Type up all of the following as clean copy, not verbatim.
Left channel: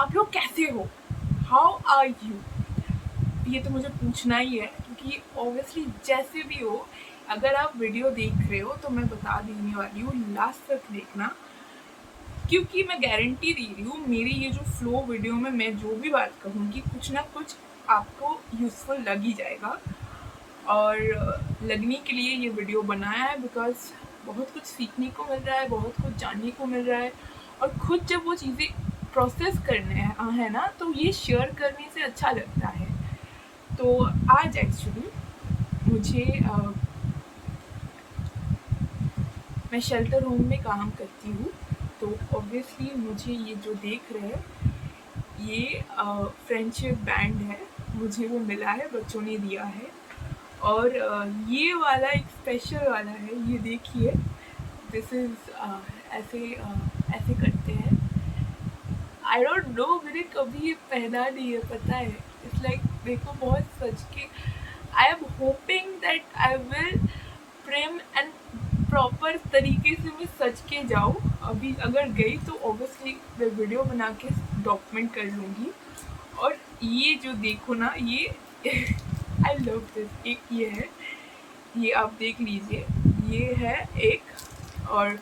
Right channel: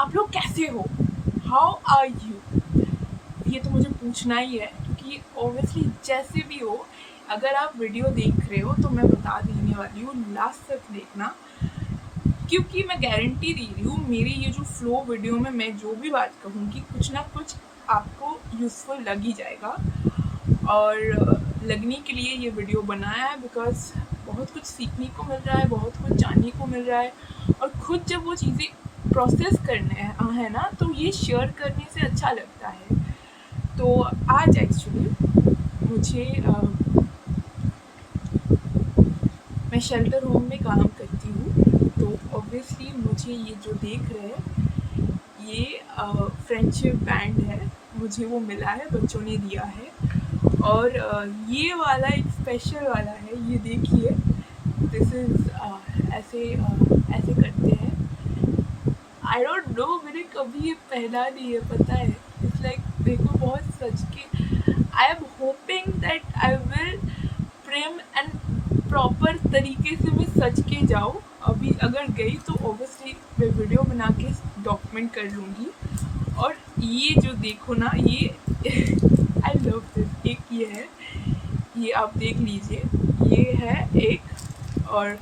आप लोग कैसे हो, हाउ आर यू। ये तो मुझे पूछना ही है क्योंकि ऑब्वियसली जैसे भी हो, अगर आप वीडियो देख रहे हो तो मैं बता देने वाली हूँ, लास्ट तक देखना, क्योंकि मैं गारंटी दे रही हूँ मेरी ये जो फ्लो वीडियो में मैं जो भी बात कहूँगी कुछ ना कुछ आपको यूज़फुल लग ही जाएगा। और लगने के लिए ये वीडियो बनाया है बिकॉज बहुत कुछ सीखने को मिल रहा है, बहुत कुछ जानने को मिल रहा है, और खुद जब वो चीज़ें प्रोसेस करने है ना, तो ये शेयर करने से अच्छा लगता है। तो आज एक्चुअली मुझे मैं शेल्टर होम में काम करती हूँ, तो ऑब्वियसली मुझे ये जो देख रहे हैं ये फ्रेंडशिप बैंड है, मुझे वो मिला है, बच्चों ने दिया है। और ये वाला एक स्पेशल वाला है, ये देखिए, दिस इज़ ऐसे ऐसे करते हैं। आई डोंट नो, मैंने कभी ये पहना नहीं है, पता है। इट्स लाइक देखो, बहुत सच के I am hoping that I will Prem and proper तरीके से मैं सच के जाऊँ। अभी अगर गई तो ऑब्वियसली मैं वीडियो बना के डॉक्यूमेंट कर लूँगी। और ये जो देखो ना, ये आई लव दिस। एक ये है, ये आप देख लीजिए, ये है एक, और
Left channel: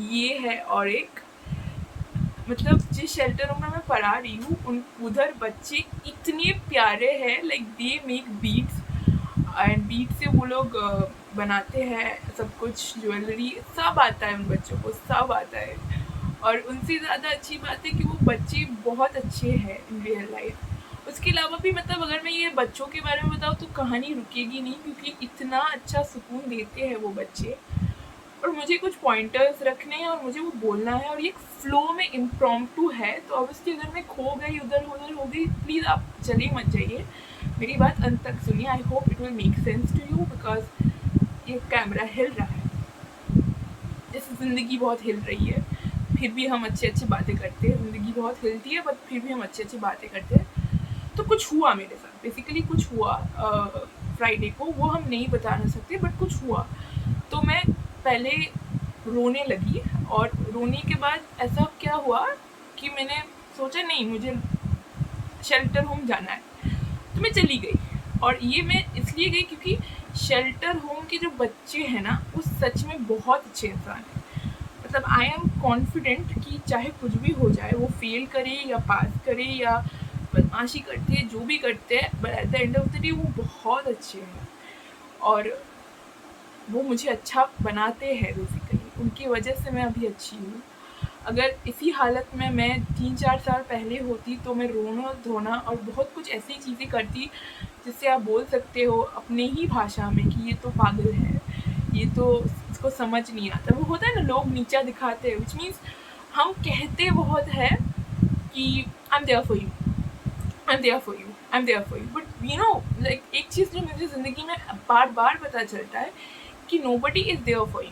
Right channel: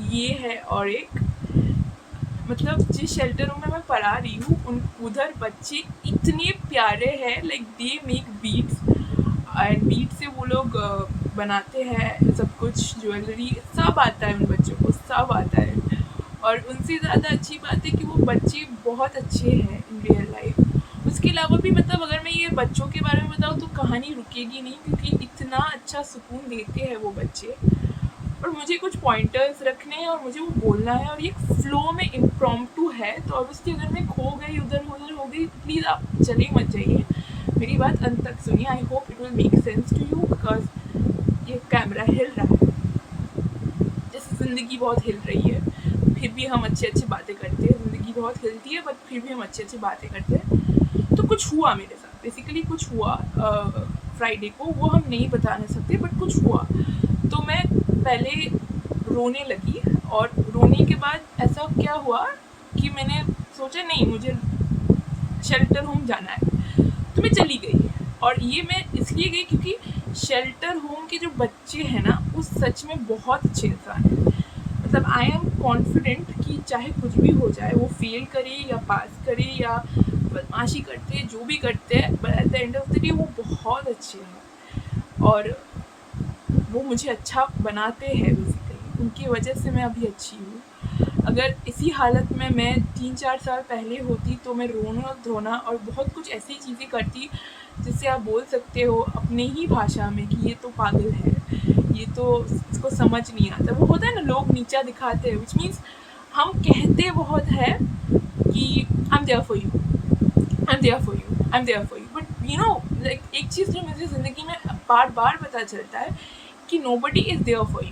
ये है और एक। मतलब जिस शेल्टर में मैं पढ़ा रही हूँ उन उधर बच्चे इतने प्यारे हैं, like they make beats, and beat से वो लोग बनाते हैं सब कुछ, ज्वेलरी सब आता है उन बच्चों को, सब आता है। और उनसे ज़्यादा अच्छी बात है कि वो बच्चे बहुत अच्छे हैं इन रियल लाइफ। उसके अलावा भी मतलब अगर मैं ये बच्चों के बारे में बताऊँ तो कहानी रुकेगी नहीं, क्योंकि इतना अच्छा सुकून देते हैं वो बच्चे। और मुझे कुछ पॉइंटर्स रखने हैं और मुझे वो बोलना है, और ये फ्लो में इम्प्रॉम्प्टू है, तो ऑब्वियसली अगर मैं खो गई, उधर उधर हो गई, प्लीज़ आप चले मत जाइए, मेरी बात अंत तक सुनिए। I hope it will make sense to you, because ये कैमरा हिल रहा है, जैसे ज़िंदगी बहुत हिल रही है, फिर भी हम अच्छी अच्छी बातें करते हैं। ज़िंदगी बहुत हिलती है बट फिर भी हम अच्छी अच्छी बातें करते हैं। तो कुछ हुआ मेरे साथ, बेसिकली कुछ हुआ फ्राइडे को, वो हम नहीं बता नहीं सकते, बट कुछ हुआ। तो मैं पहले रोने लगी, और रोने के बाद ऐसा क्या हुआ कि मैंने सोचा नहीं, मुझे शेल्टर होम जाना है, तो मैं चली गई। और ये मैं इसलिए गई क्योंकि शेल्टर होम के जो बच्चे हैं ना, वो सच में बहुत अच्छे इंसान हैं। मतलब आई एम कॉन्फिडेंट कि चाहे कुछ भी हो जाए, वो फेल करे या पास करे या बदमाशी करते हैं, जो भी करते हैं, but at the end of the day वो बहुत अच्छे हैं, और वो मुझे अच्छा बनाते हैं। बेसिकली उनकी वजह से मैं अभी अच्छी हूँ। अगर इसी हालत में मैं 3-4 साल पहले होती तो मैं रोना धोना और बहुत कुछ ऐसी चीज़ें करती जिससे आप बोल सकते हो अपने ही भाषा में कि ये तो पागल है, ये तो इसको समझ नहीं आता। वो होता है ना, लोग नीचा दिखाते हैं, विच मीन्स हम कहते बहुत है कि I am there for you, I am there for you, I am there for you, but you know, like एक चीज़ जो मुझे ज़िंदगी में बार बार पता चलता है कि nobody is there for you,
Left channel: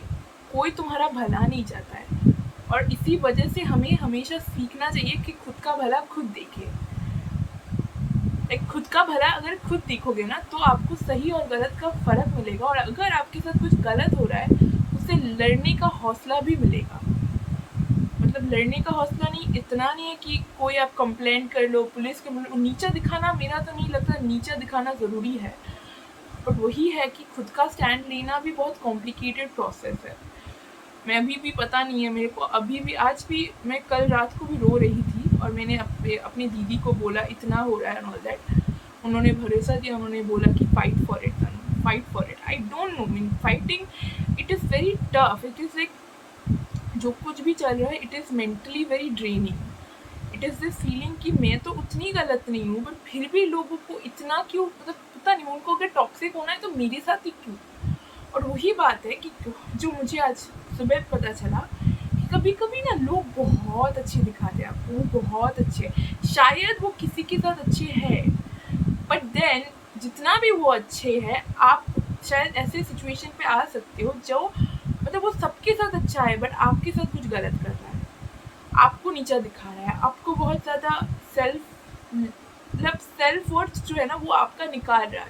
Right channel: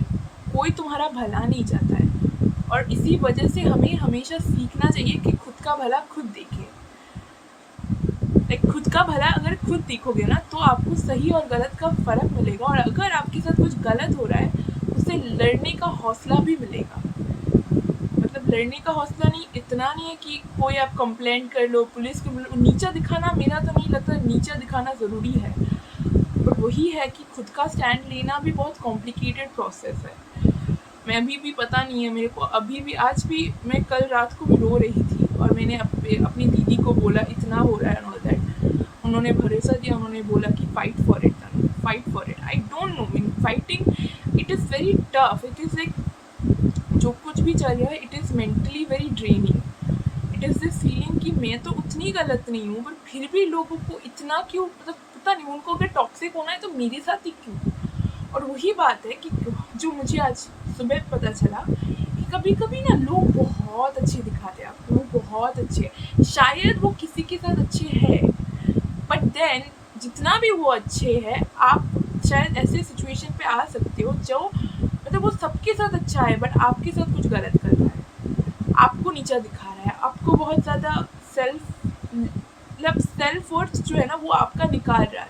कोई तुम्हारा भला नहीं चाहता है। और इसी वजह से हमें हमेशा सीखना चाहिए कि खुद का भला खुद देखें। लाइक खुद का भला अगर खुद देखोगे ना, तो आपको सही और गलत का फ़र्क मिलेगा, और अगर आपके साथ कुछ गलत हो रहा है, उससे लड़ने का हौसला भी मिलेगा। मतलब लड़ने का हौसला नहीं, इतना नहीं है कि कोई आप कंप्लेंट कर लो, पुलिस को नीचा दिखाना, मेरा तो नहीं लगता नीचा दिखाना ज़रूरी है, बट वही है कि खुद का स्टैंड लेना भी बहुत कॉम्प्लिकेटेड प्रोसेस है। मैं अभी भी पता नहीं है मेरे को, अभी भी, आज भी मैं कल रात को भी रो रही थी, और मैंने अपनी दीदी को बोला इतना हो रहा है एंड ऑल दैट। उन्होंने भरोसा दिया, उन्होंने बोला कि fight for it, fight for it. I don't know, mean fighting it is very tough, it is like जो कुछ भी चल रहा है, it is mentally very draining. It is this feeling कि मैं तो उतनी गलत नहीं हूँ, बट फिर भी लोगों को इतना क्यों, मतलब पता नहीं, उनको अगर टॉक्सिक होना है तो मेरे साथ ही क्यों। और वही बात है कि जो मुझे आज सुबह पता चला कि कभी कभी ना लोग बहुत अच्छे दिखाते हैं आपको, वो बहुत अच्छे, शायद वो किसी के साथ अच्छे हैं, बट देन जितना भी वो अच्छे हैं, आप शायद ऐसे सिचुएशन पे आ सकते हो जो, मतलब वो सबके साथ अच्छा है बट आपके साथ कुछ गलत कर रहा है, आपको नीचा दिखा रहा है, आपको बहुत ज़्यादा सेल्फ वर्थ जो है ना वो आपका निकाल रहा है,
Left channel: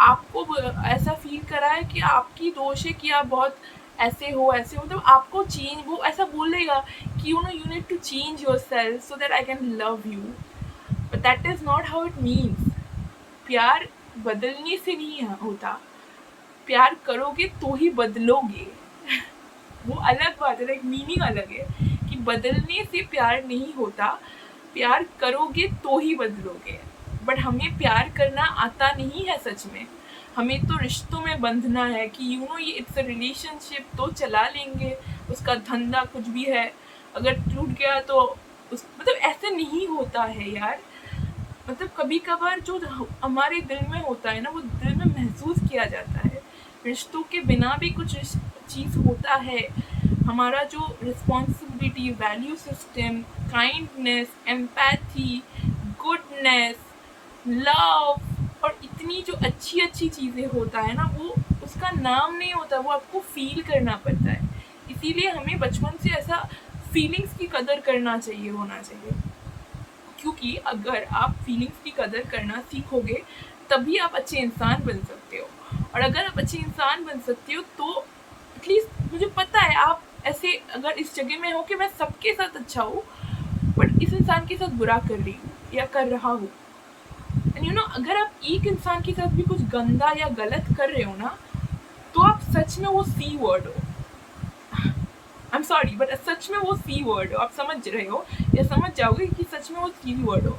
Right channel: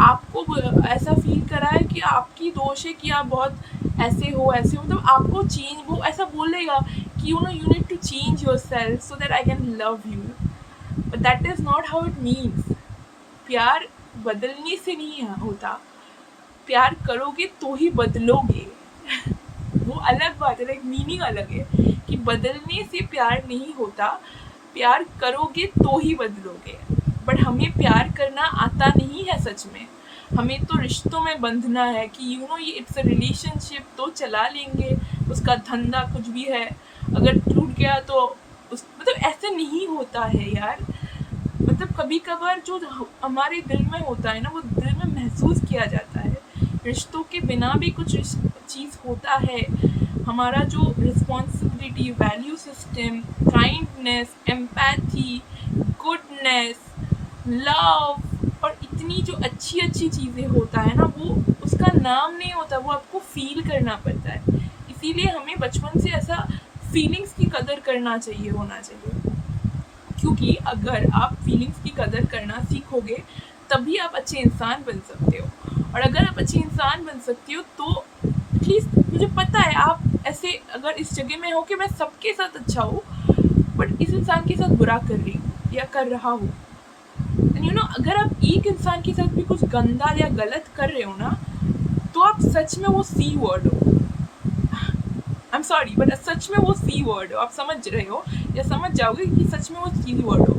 आपको ऐसा फील करा है कि आपकी दोष है कि आप बहुत ऐसे हो मतलब आपको चेंज, वो ऐसा बोलेगा कि you need to change yourself so that I can love you, but that is not how it means. प्यार बदलने से नहीं होता, प्यार करोगे तो ही बदलोगे। वो अलग बात है, लाइक मीनिंग अलग है कि बदलने से प्यार नहीं होता, प्यार करोगे तो ही बदलोगे। बट हमें प्यार करना आता नहीं है सच में, हमें तो रिश्तों में बंधना है कि ये इट्स अ रिलेशनशिप, तो चला लेंगे, उसका धंधा कुछ भी है, अगर टूट गया तो उस मतलब ऐसे नहीं होता है यार। मतलब कभी कभार जो हमारे दिल में होता है ना, वो दिल में महसूस किया जाता है। रिश्तों के बिना भी कुछ चीज़ होता है, हमारा जो responsibility, value system, kindness, empathy, goodness, love, और इतनी जो अच्छी अच्छी चीज़ें होता है ना, वो उसका नाम नहीं होता, वो आपको फील करना पड़ता है। इसीलिए हमें बचपन से ऐसा फीलिंग्स की कदर करना चाहिए, होना चाहिए, क्योंकि अगर आप फीलिंग्स की कदर करना सीखोगे तभी आप अच्छे इंसान बन सकते हो। और अगर आप अच्छे इंसान बन सकते हो तो एटलीस्ट मुझे पता है आप ऐसे अगर इस जगह में हो कि मैं सबके साथ अच्छा हूँ बट इस इंसान के साथ बुरा कर रही हूँ या कर रहा हूँ, एंड अगर आप एक इंसान के साथ भी कुछ गंदा या गलत कर रहे हो ना, तो आप सच में वो सी वर्ड हो। आई एम सॉरी बट सच में वो सी वर्ड हो, आप समझ रहे हो या समझ जाओगे कि सच में वो सी वर्ड हो।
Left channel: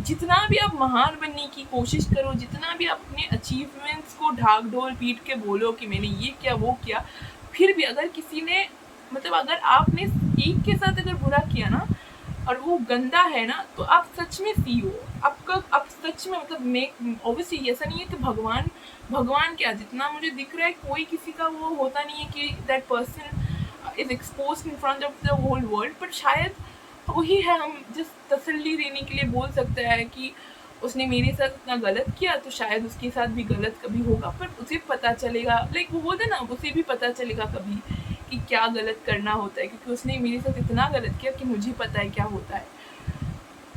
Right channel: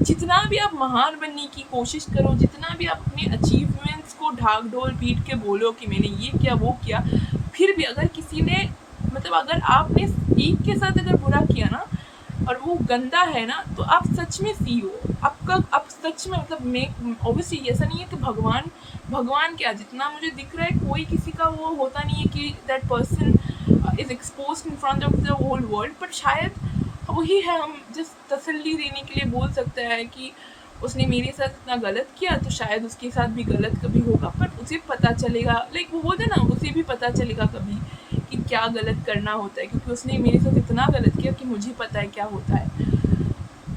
जितना भी आप महान बनने की कोशिश करो, जितना भी आप अपने अचीवमेंट्स को ढाक ढोल पीट के बोलो कि मैंने ये किया वो किया, फिर भी अगर किसी ने मतलब अगर आपने एक के साथ अगर बुरा किया ना और वो गंदा है ना, तो आप सच में सी हो। आप सच में मतलब मैं ऑब्वियसली ऐसा नहीं है कि भगवान क्या, जितना मुझे दिख रहा है कोई किसी का वो होता नहीं है कि that person is exposed in front of the whole world, but शायद वही है, हम जिस तसल्ली देने के लिए बोल सकते हैं कि उसने मेरे साथ इतना गलत किया तो शायद उसके साथ भी गलत कभी होगा, पर उसे पता चलेगा, लाइक वो बोलते ना, उसे भी पता चलेगा कभी कि क्या गलत करना होता है, क्योंकि उसने मेरे साथ इतना गलत किया कि मुझे पता है क्या होता है।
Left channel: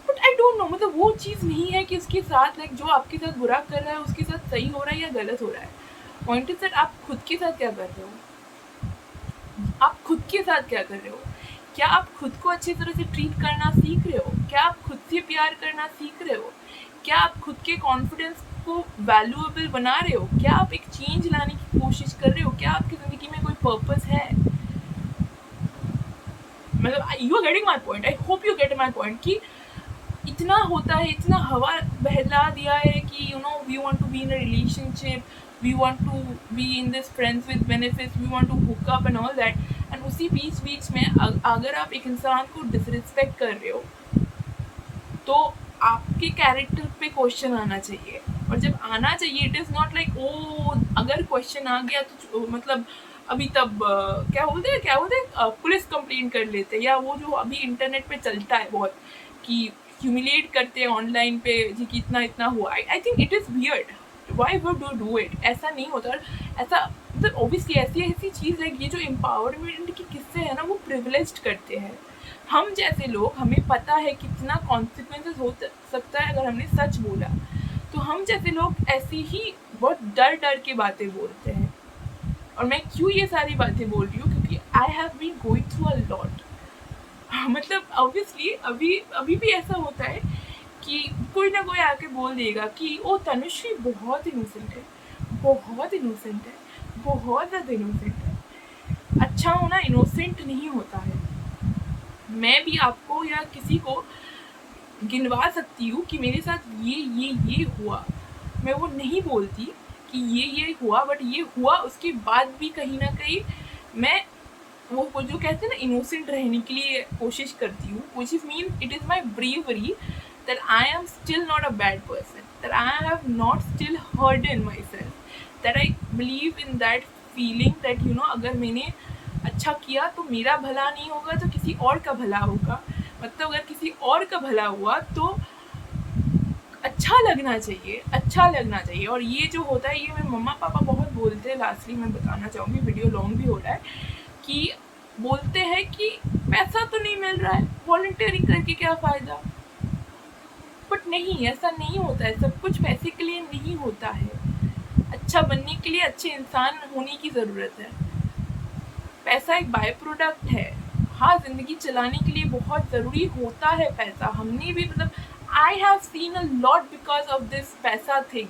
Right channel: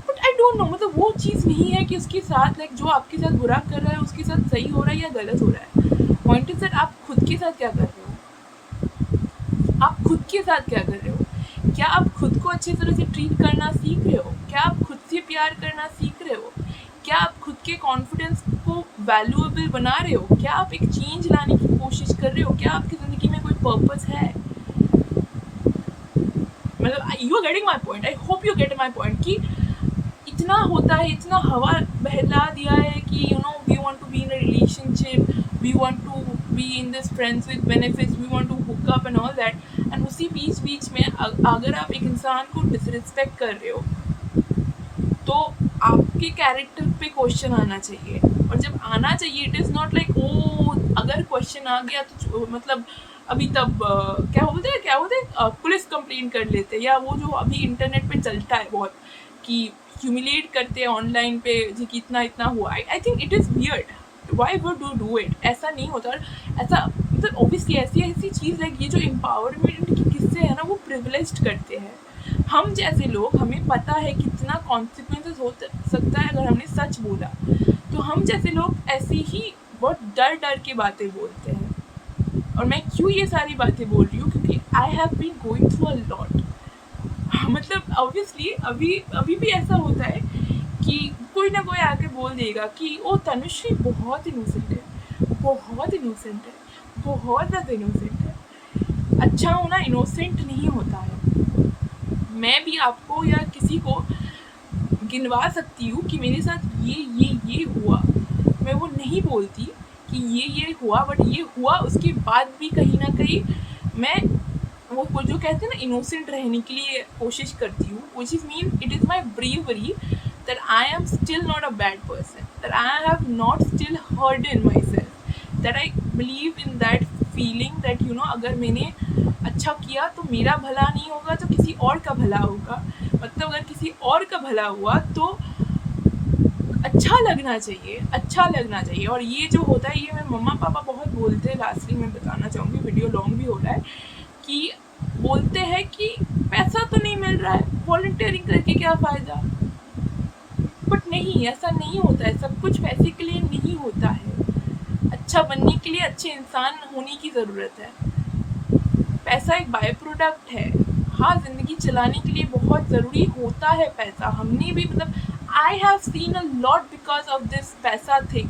बट आई डोंट नो, मतलब वो चीज़ नहीं है कि उसके साथ लाइक जो आपके साथ बुरा कर रहा है उसके साथ सही हो रहा है या गलत हो रहा है। पॉइंट इज दैट आप खुद के साथ क्या कर रहे हो, आप खुद के साथ क्या कर रहे हो, क्या आप खुद को अच्छी तरह से ट्रीट करना सीख रहे हो, क्या आप खुद से प्यार करना सीख रहे हो, क्या आप खुद के कॉन्फिडेंस को वैल्यूएबल बना रहे हो, क्या आप एक चेंज लाने की कोशिश कर रहे हो, क्या आपकी ज़िंदगी में कोई पर्पस है। मतलब you are getting my point, I hope you get my point कि इतना होता है, इतना हवा बहला दिया है कि we want to be in a relationship, we want to be in this friends with benefits, we want to hook up and all that, and उसी बीच में अगर आप एक इंसान को डिसरिस्पेक्ट कर रहे हो तो आपके कैरेक्टर पे क्वेश्चन आना चाहिए। और जब आना चाहिए it is not like oh अगर क्वेश्चन आ गया तो मतलब अभी तब क्या बोलते हैं पुलिस कंप्लेन कर लेते हैं, या वो जो अभी इंटरनेट पे चलता है बहुत कि ह्यूमिलेट करते हैं ऑनलाइन पे जी कि इतना हुआ। I think it is weird, why would do it, ऐसा नहीं होता। ऐसा मतलब ऑब्वियसली ऐसी चीज़ है, ये जो एम्पावरमेंट के किस्से हैं ना वो प्रिविलेज्ड करते हैं। हम जैसे लोग, हमें पता है कितना कॉन्सिक्वेंसेस हो सकता है अगर हमने सच बोला, तो हम जैसे लोग ऐसे ही बहुत डर के बातें बोलते हैं। और मैं क्यों ये सारी बातें बोल रही हूँ, क्योंकि I have been going through a lot. मतलब ऑब्वियसली अभी भी ऐसा होता है कि कोई ना कोई आके बोल देगा कि ओ तनुश्री बहुत इनोसेंट है, बहुत इनोसेंट है, बहुत ज़्यादा इनोसेंट है। अच्छा होना इनोसेंट नहीं होता है। मैं भी आपको या किसी को गिनवा सकती हूँ कि मेरे साथ ये हुआ, मैं वो नहीं बोलती कि ये हुआ, बट ये हुआ उसके बाद भी कहीं ना कहीं मैं वो जो कहते हैं ना इनोसेंट रहने के लिए कोशिश करती हूँ, which is mean it is my bravery that I am still not a bad person, that I have not still hardened myself, that I believe in that feeling that अगर मैंने अच्छा किया तो मेरा भला नहीं होगा तो किसी और का भला होगा, मतलब अगर किसी और का भला हुआ तो अच्छा लगना चाहिए। और ये जो होता है, ये मेरे मम्मा पापा बहुत बोलते हैं, लास्टली मैं बताना चाहूँगी, वीडियो लॉन्ग भी हो रहा है, कि बोलते हैं कि पैसा तो नहीं मिल रहा है, वॉलंटियरिंग करके क्या फ़ायदा। बट नहीं, ऐसा नहीं होता है, सब कुछ पैसे के लिए नहीं होता है। अच्छा बनने के लिए अच्छे इंसान होने की ज़रूरत है। पैसा एक बाय प्रोडक्ट है। हाँ, ज़िंदगी चलाने के लिए बहुत ज़रूरी होता है पैसा। हमने भी मतलब I have seen a lot because of this पैसा थिंग।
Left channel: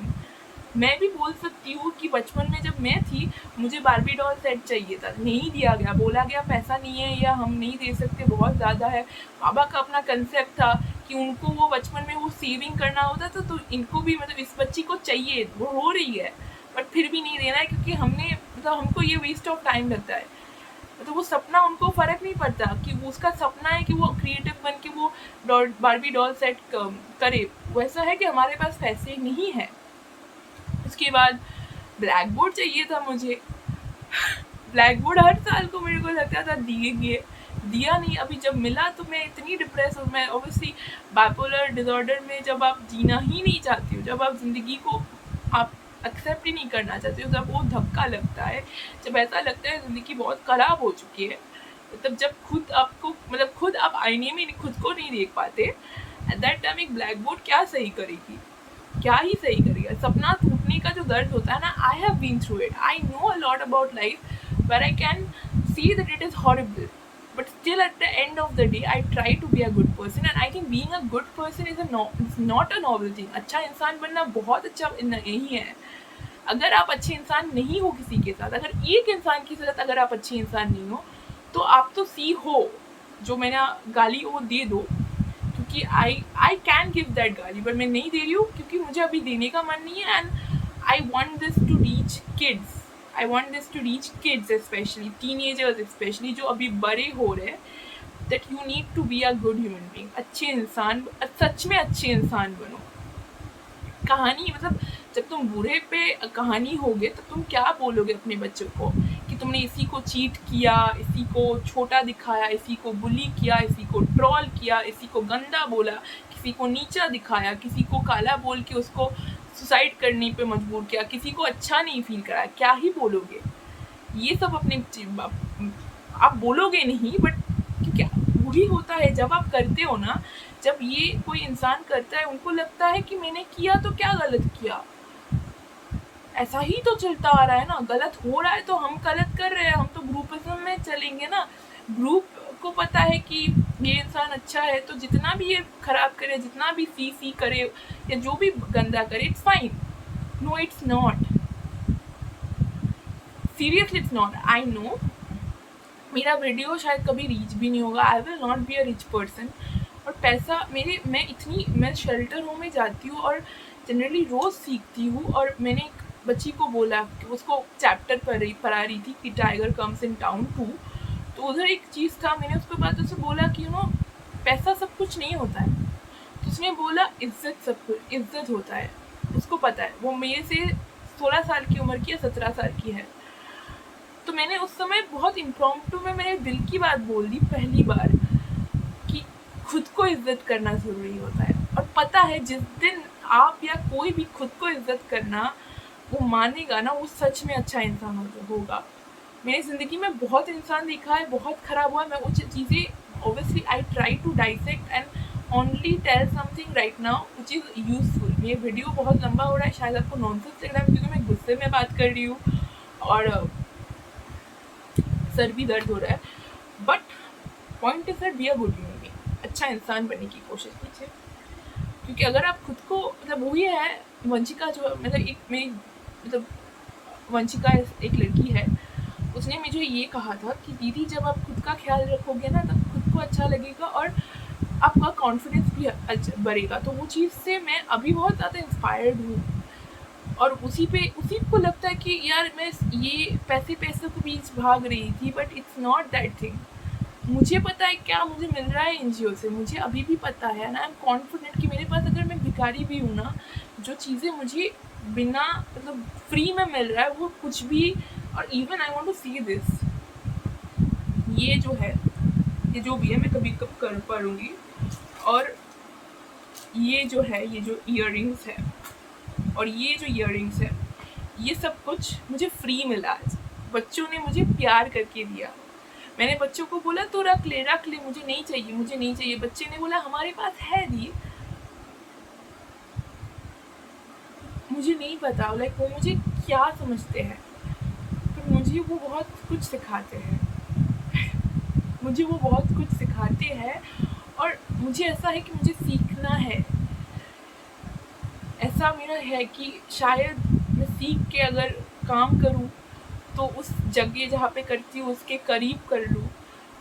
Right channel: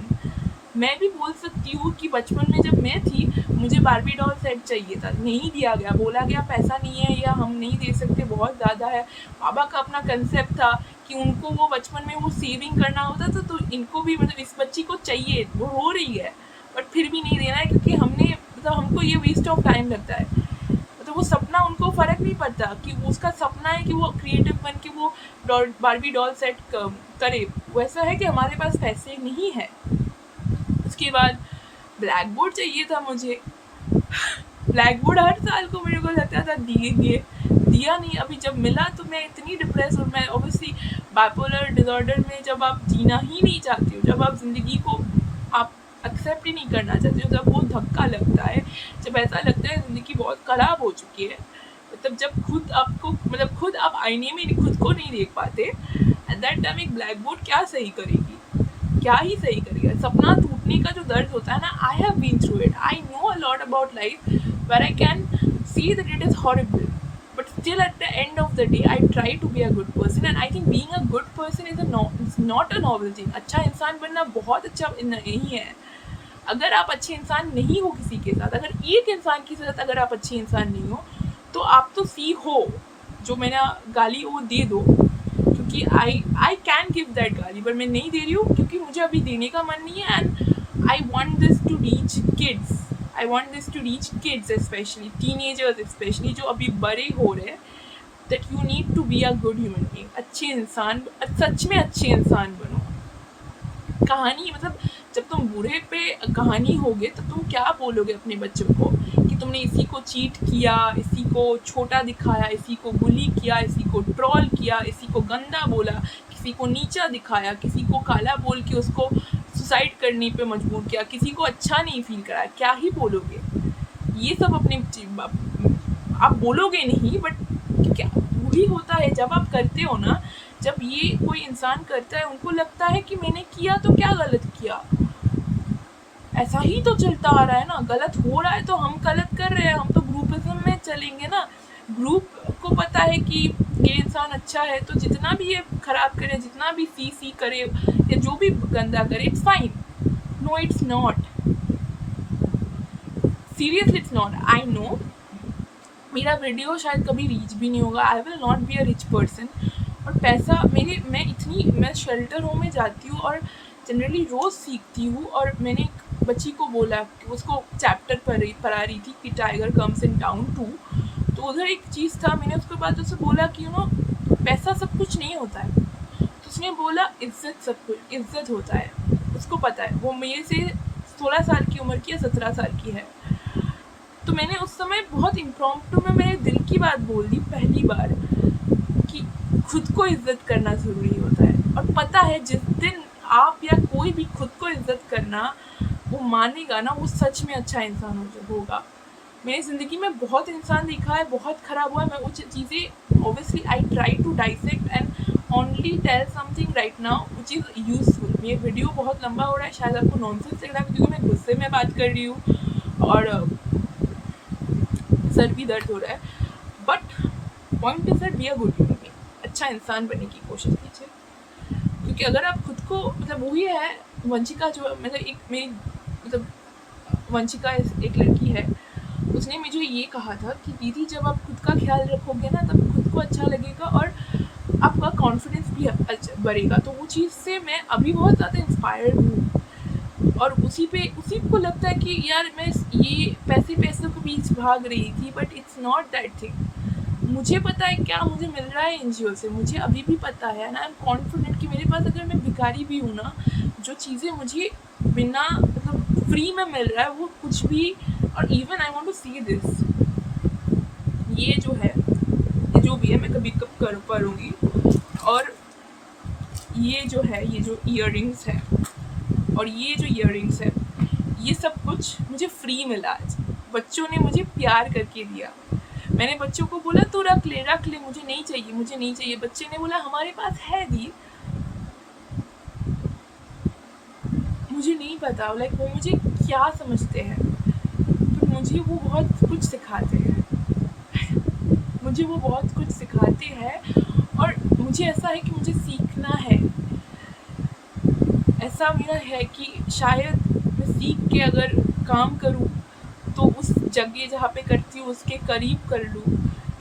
मैं भी बोल सकती हूँ कि बचपन में जब मैं थी, मुझे बार्बी डॉल सेट चाहिए था, नहीं दिया गया, बोला गया पैसा नहीं है या हम नहीं दे सकते, बहुत ज़्यादा है। पापा का अपना कंसेप्ट था कि उनको वो बचपन में वो सेविंग करना होता था, तो इनको भी मतलब इस बच्ची को चाहिए, वो रो रही है बट फिर भी नहीं देना है, क्योंकि हमने मतलब हमको ये वेस्ट ऑफ टाइम लगता है। मतलब वो सपना, उनको फ़र्क नहीं पड़ता कि वो उसका सपना है कि वो क्रिएटिव बन के वो बार्बी डॉल सेट करे। वैसा है कि हमारे पास पैसे नहीं है। उसके बाद ब्लैक बोर्ड चाहिए था मुझे। ब्लैक बोर्ड हर साल को मेरे को लगता था दिएंगे, दिया नहीं। अभी जब मिला तो मैं इतनी डिप्रेस, और मैं ऑब्वियसली बाइपोलर डिसऑर्डर में जब आप जीना ही नहीं चाहते हो, जब आप ज़िंदगी को आप एक्सेप्ट ही नहीं करना चाहते हो, जब वो धक्का लगता है, जब ऐसा लगता है ज़िंदगी बहुत ख़राब हो चुकी है, मतलब जब खुद आपको मतलब खुद आप आईने में खुद को नहीं देख पाते, एट दैट टाइम एक ब्लैक बोर्ड क्या सही करेगी, क्या ही सही करेगा। सपना टूटने का जो दर्द होता है ना, I have been through it, I know a lot about life where I can see that it is horrible, but still at the end of the day I try to be a good person, and I think being a good person is not a noble thing. अच्छा इंसान बनना बहुत अच्छा नहीं है। अगर आप अच्छे इंसान नहीं हो किसी के साथ, अगर एक इंसान के साथ अगर आप अच्छे इंसान नहीं हो, तो आप तो सी हो, जो मैंने गाली वो दे दो, क्योंकि आई कैन गिव दैट गाली, पर मैं नहीं दे रही हूँ क्योंकि मुझे अभी देने का मन नहीं है। And I want this to reach kids, I want this to reach kids, specially teenagers, specially जो अभी बड़े हो रहे हैं, that you need to be a good human being. अच्छे इंसान, सच में अच्छे इंसान बनो। कहानी मतलब जब तुम बूढ़े पे कहानी होगे तो तुम क्या बोलोगे अपने बच्चों को कि तुमने इसी को चीट किया, इसी को छोटा दिखाया, इसी को बुली किया, इसी को ट्रोल किया, इसी को गंदा बोला, किसी को नीचा दिखाया, किसी को काला बोल के उसको सुसाइड करने पे मजबूर किया, किसी को अच्छा नहीं फील कराया, क्या ही बोलोगे। ये सब अपने आप बोलोगे नहीं, बट क्या वही होता है जब आप करते हो ना, जब ये कोई इंसान करता है, उनको लगता है कि मैंने किया तो क्या गलत किया, ऐसा ही तो चलता आ रहा है ना, गलत हो रहा है तो हम गलत कर रहे हैं, हम तो ग्रुपिज्म में चलेंगे ना। ग्रुप को पता है कि ये इंसान अच्छा है, तो जितना भी ये खराब करे, जितना भी सी करे या जो भी गंदा करे, it's fine. No it's not, seriously it's not. I know मेरा वीडियो शायद कभी रीच भी नहीं होगा, I will not be a rich person. और पैसा मैं शेल्टर होम में जाती हूँ और जनरली रोज़ सीखती हूँ। और मैंने एक बच्ची को बोला कि उसको चैप्टर पढ़ा रही थी कि टाइगर कम्स इन टाउन 2, तो उधर एक चीज़ था, मैंने उसके बाद उससे बोला कि पैसा सब कुछ नहीं होता है। तो उसने बोला इज्जत सब कुछ, इज्जत होता है। उसको पता है, वो मेरे से 16 साल की उम्र की या 17 साल की है। तो मैंने उस समय बहुत इम्प्रॉम्प्टू में मेरे दिल की बात बोल दी पहली बार कि खुद को इज्जत करना ज़रूरी होता है। और पता है जिस दिन आप या कोई भी खुद को इज्जत करना वो मानेगा ना, वो सच में अच्छा इंसान होगा। मैंने ज़िंदगी में बहुत इंसान देखा है, बहुत ख़राब हुआ है। मैं वो चीज़ें obviously I try to dissect and only tell something right now which is useful. ये वीडियो बहुत लंबा हो रहा है, शायद आपको नॉनसेंस लग रहा है क्योंकि मैं गुस्से में बात कर रही हूँ और सर भी दर्द हो रहा है। But point is that B a good human being, अच्छा इंसान बनने की कोशिश कीजिए। क्योंकि अगर आप खुद को मतलब वही है, वंशिका जो मतलब एक मेरी मतलब वंशिका एक लड़की है, उसने मुझे ये कहा था कि दीदी जब आप खुद का ख्याल रखोगे ना, तब खुद को अच्छा लगेगा और आपका कॉन्फिडेंस भी बढ़ेगा। तो वो चीज़ से मैं अभी बहुत ज़्यादा इंस्पायर्ड हूँ। और उसी को लगता है कि यार मैं ये पैसों के बीच भाग रही थी, but it's not that thing. मुझे पता है क्या मुझे मिल रहा है एनजीओ से, मुझे अभी भी पता है ना। आई एम कॉन्फिडेंट कि मेरे पास, अगर मैं भिखारी भी हूँ ना, जो चीज़ें मुझे बिना मतलब फ्री में मिल रहा है वो कुछ भी। और even I want to see this, ये जो है, ये जो भी है मैं कभी कब कर करूँगी। और ये जो है, ये जो ईयररिंग्स है और ये जो ईयररिंग्स है, ये सब कुछ मुझे फ्री मिला आज। बच्चों ने मुझे प्यार करके दिया। मैंने बच्चों को बोला तो रख ले, मुझे नहीं चाहिए, मुझे नहीं चाहिए। बच्चे ने बोला हमारे पास है दी। मुझे नहीं पता लाइक वो मुझे क्या समझते हैं, पर मुझे वो बहुत कुछ सिखाते हैं। मुझे वो बहुत कुछ सिखाते हैं और मुझे ऐसा है कि मुझे सीखना है। ऐसा मेरा है कि शायद मैं सीख के अगर काम करूँ तो उस जगह जहाँ पे करती हूँ उसके करीब कर लूँ,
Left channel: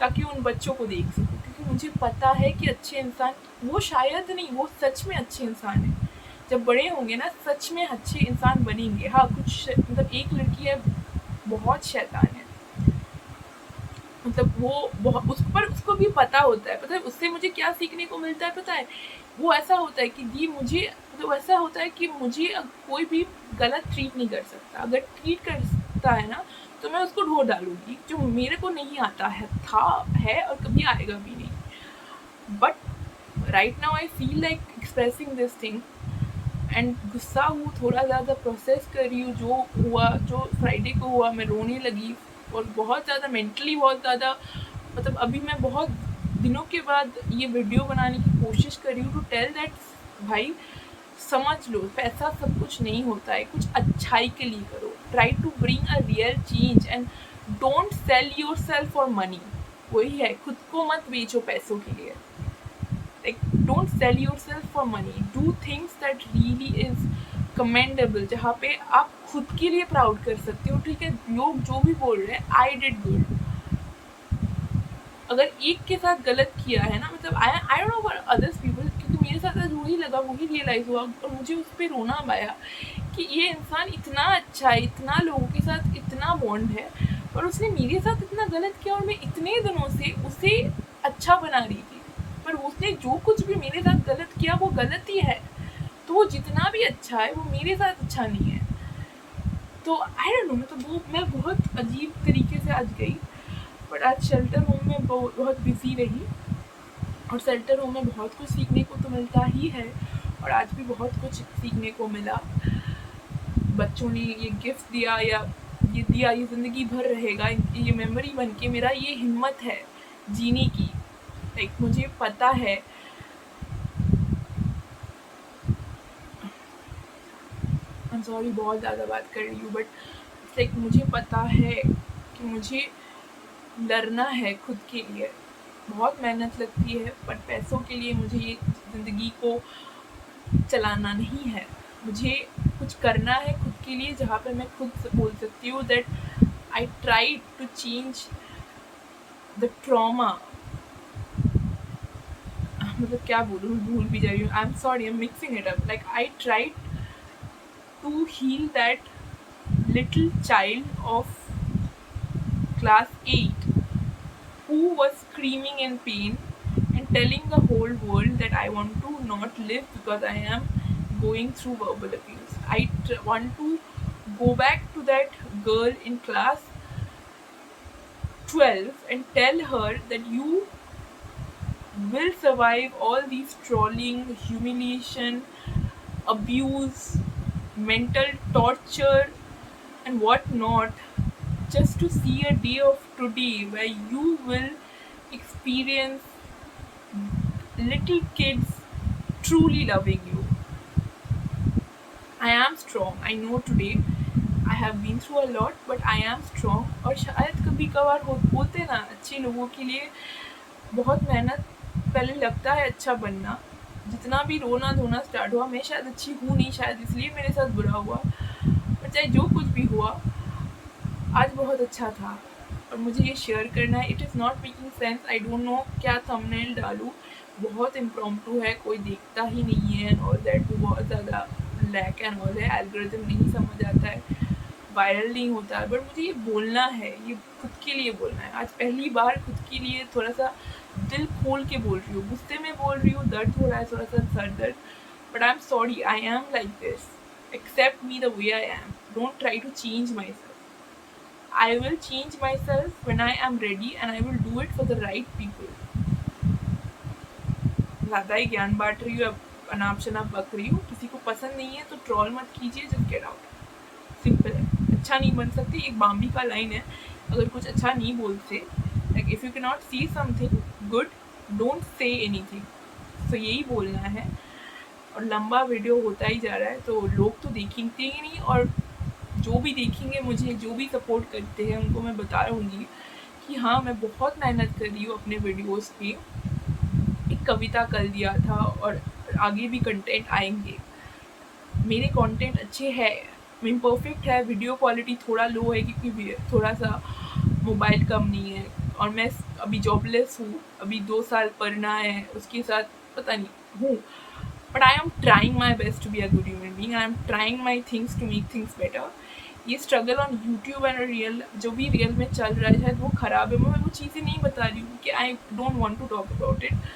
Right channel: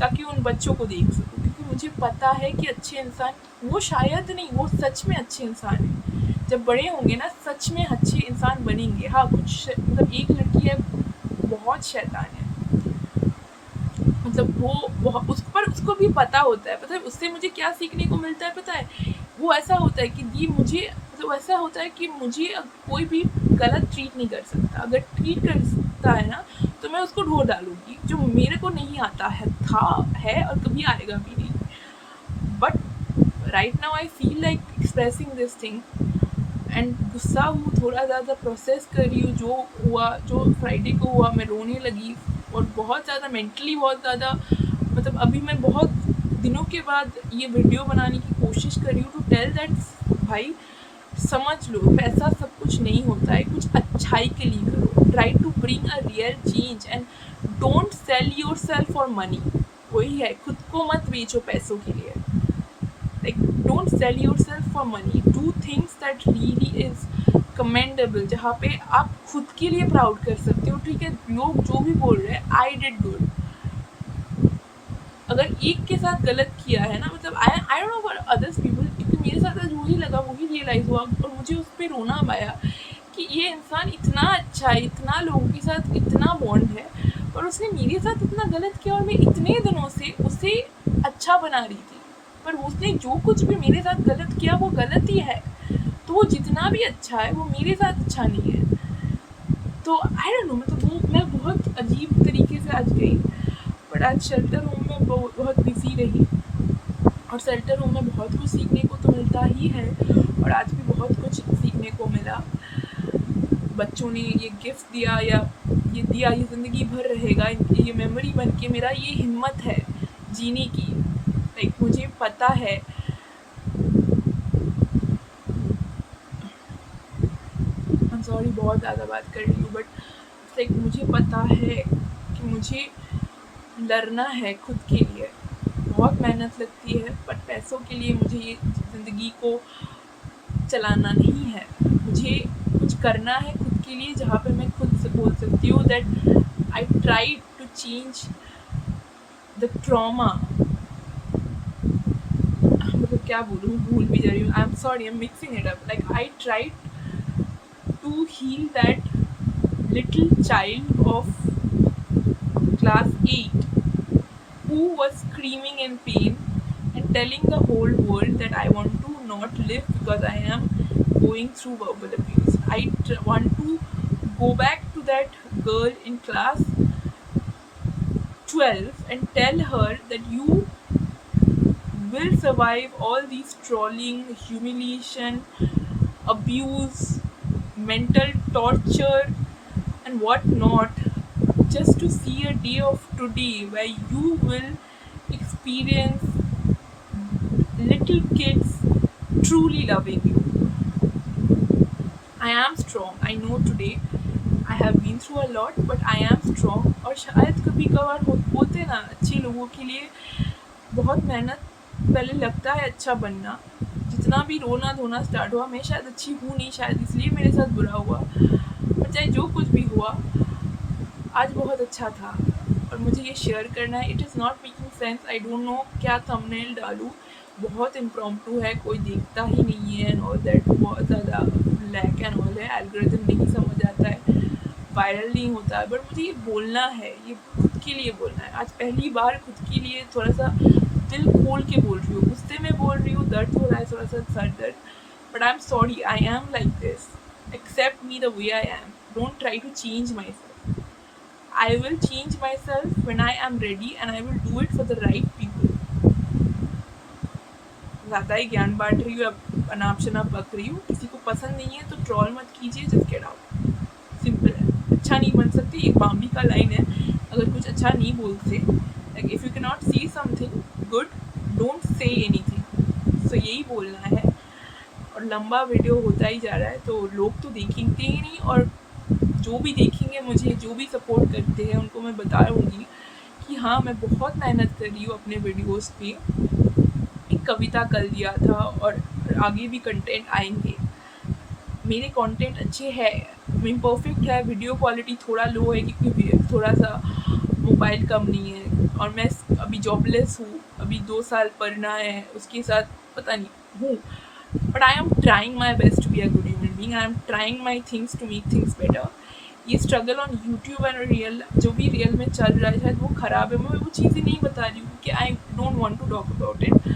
ताकि उन बच्चों को देख सकूँ, क्योंकि मुझे पता है कि अच्छे इंसान वो शायद नहीं, वो सच में अच्छे इंसान हैं। जब बड़े होंगे ना सच में अच्छे इंसान बनेंगे। हाँ, कुछ मतलब एक लड़की है बहुत शैतान है, मतलब वो बहुत उस पर उसको भी पता होता है। पता है उससे मुझे क्या सीखने को मिलता है? पता है वो ऐसा होता है कि दी मुझे मतलब ऐसा होता है कि मुझे कोई भी गलत ट्रीट नहीं कर सकता। अगर ट्रीट कर सकता है ना तो मैं उसको ढो डालूंगी, जो मेरे को नहीं आता है, था है और कभी आएगा भी नहीं। But right now I feel like expressing this thing and गुस्सा हूँ, थोड़ा ज़्यादा प्रोसेस कर रही हूँ जो हुआ, जो फ्राइडे को हुआ। मैं रोने लगी और बहुत ज़्यादा मेंटली बहुत ज़्यादा, मतलब अभी मैं बहुत दिनों के बाद ये वीडियो बनाने की कोशिश कर रही हूँ टू टेल दैट भाई समझ लो पैसा सब कुछ नहीं होता है, कुछ अच्छाई के लिए करो। Try to bring a real change and don't sell yourself for money. वही है, खुद को मत बेचो पैसों के लिए। like don't sell yourself for money, do things that really is commendable, जहाँ पे आप खुद के लिए प्राउड कर सकते हो। ठीक है, लोग जो भी बोल रहे हैं आई डिड गुड, अगर एक के साथ गलत किया है ना, मतलब I don't know for others people, क्योंकि मेरे साथ आज वही लगा, वही रियलाइज हुआ और मुझे उस पर रोना आया कि ये इंसान इतना अच्छा है, इतना लोगों के साथ इतना बॉन्ड है, और उसने मेरे साथ इतना गलत किया और मैं इतने दिनों से उसे अच्छा बना रही थी, पर उसने जो कुछ भी मेरे साथ गलत किया वो गलत ही है। तो वो जितना भी अच्छा है वो मेरे साथ अच्छा नहीं है। तो आई डोंट नो, मतलब वो मैं बहुत अजीब तरीके से आज गई। बट आज शेल्टर होम में बहुत बिजी रही और शेल्टर होम में बहुत कुछ सीखने को तो मिलता ही है, और आज भी बहुत कुछ सीखने को मिला। बच्चों ने ये गिफ्ट दिया या ये दिया, ये ज़िंदगी भर रहेगा, ये मेमोरी बन के मेरा ये हिम्मत है जीने की। लाइक मुझे पता है, आई एम सॉरी बहुत ज़्यादा बात कर रही हूँ, बट लाइक मुझे पता है कि मुझे लड़ना है खुद के लिए। बहुत मेहनत लगती है, बट पैसों के लिए मुझे ये ज़िंदगी को चलाना नहीं है। मुझे कुछ करना है खुद के लिए, जहाँ पे मैं खुद से बोल सकती हूँ that I try to change the trauma. मतलब क्या बोलूँ, मैं भूल भी जा रही हूँ। I am sorry, I am mixing it up. Like I try to heal that little child of class 8 who was screaming in pain and telling the whole world that I want to not live because I am going through verbal abuse. I want to go back to that girl in class 12 and tell her that you will survive all these trolling, humiliation, abuse, mental torture, and what not, just to see a day of today where you will experience little kids truly loving you. I am strong. I know today I have been through a lot, but I am strong. और शायद कभी कभार होते ना अच्छे लोगों के लिए बहुत मेहनत पहले लगता है अच्छा बनना। जितना भी रोना धोना स्टार्ट हुआ, मैं शायद अच्छी हूँ नहीं, शायद इसलिए मेरे साथ बुरा हुआ, पर चाहे जो कुछ भी हुआ आज बहुत अच्छा था और मुझे ये शेयर करना है। It is not making sense, I don't know क्या थंबनेल डालूँ। बहुत इम्प्रॉम्प्टू है, कोई देखता ही नहीं है एंड ऑल दैट, बहुत ज़्यादा लैक एंड ऑल है, एल्गोरिथम नहीं समझ आता है, वायरल नहीं होता है। बट मुझे ये बोलना है, ये खुद के लिए बोलना है। आज पहली बार खुद के लिए थोड़ा सा दिल खोल के बोल रही हूँ, गुस्से में बोल रही हूँ, दर्द हो रहा है थोड़ा सा सर दर्द, but I am sorry, I am like this, except me the way I am, don't try to change myself. I will change myself when I am ready and I will do it for the right people. ज़्यादा ही ज्ञान बांट रही हूँ, अब अनाप शनाप बक रही हूँ। किसी को पसंद नहीं है तो ट्रोल मत कीजिए, जस्ट गेट आउट। सिंपल है। अच्छा नहीं बन सकती, एक बाम्बी का लाइन है, अगर कुछ अच्छा नहीं बोलते, like if you can not see something good don't say anything. So यही बोलना है। और लंबा वीडियो होता ही जा रहा है तो लोग तो देखेंगे ही नहीं, और जो भी देखेंगे, मुझे जो भी सपोर्ट करते हैं उनको मैं बता रहूँगी कि हाँ, मैं बहुत मेहनत कर रही हूँ अपने वीडियोज़ पे। एक कविता कल दिया था और आगे भी कंटेंट आएँगे। मेरे कंटेंट अच्छे हैं, इम्परफेक्ट है, वीडियो क्वालिटी थोड़ा लो है क्योंकि थोड़ा-सा मोबाइल कम नहीं है और मैं अभी जॉबलेस हूँ, अभी 2 साल पढ़ना है, उसके साथ पता नहीं हूँ। But I am trying my best to be a good human being, I am trying my things to make things better. ये struggle on YouTube and real जो भी रियल में चल रहा है शायद वो ख़राब है, मैं वो चीज़ें नहीं बता रही हूँ कि I don't want to talk about it.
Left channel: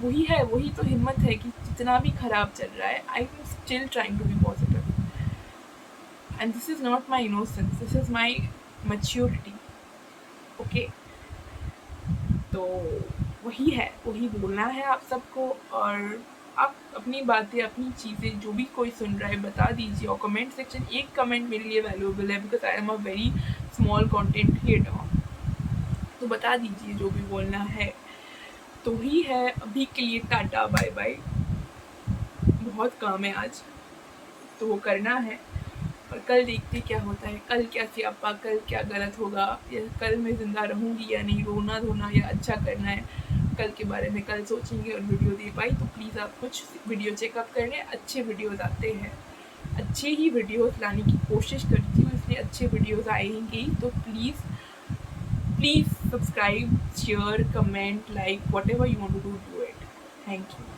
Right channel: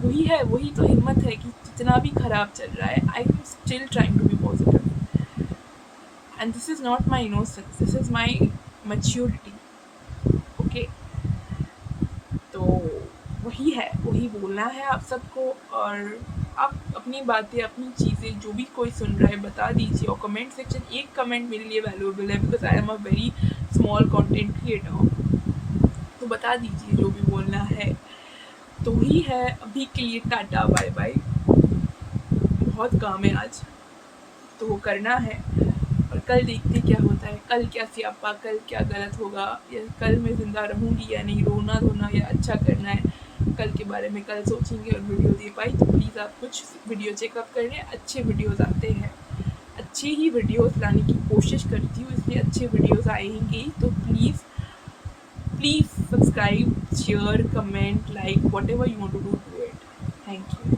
वही है, वही तो हिम्मत है कि जितना भी खराब चल रहा है I am still trying to be positive and this is not my innocence, this is my maturity. Okay, तो वही है, वही बोलना है आप सबको। और आप अपनी बातें, अपनी चीज़ें जो भी कोई सुन रहा है बता दीजिए, और कमेंट सेक्शन, एक कमेंट मेरे लिए वैल्यूएबल है because I am a very small content creator. तो बता दीजिए जो भी बोलना है। तो वही है, अभी के लिए टाटा बाय बाय। बहुत काम है आज, तो वो करना है और कल देखते क्या होता है, कल क्या स्यापा, कल क्या गलत होगा, या कल मैं ज़िंदा रहूँगी या नहीं, रोना धोना या अच्छा करना है, कल के बारे में कल सोचेंगे और वीडियो दे पाई। तो प्लीज़ आप कुछ वीडियो चेकअप कर लें, अच्छे वीडियोज़ आते हैं, अच्छे ही वीडियोज़ लाने की कोशिश करती हूँ, इसलिए अच्छे वीडियोज़ आएंगे। तो please please subscribe, share, comment, like, whatever you want to do, do it. Thank you.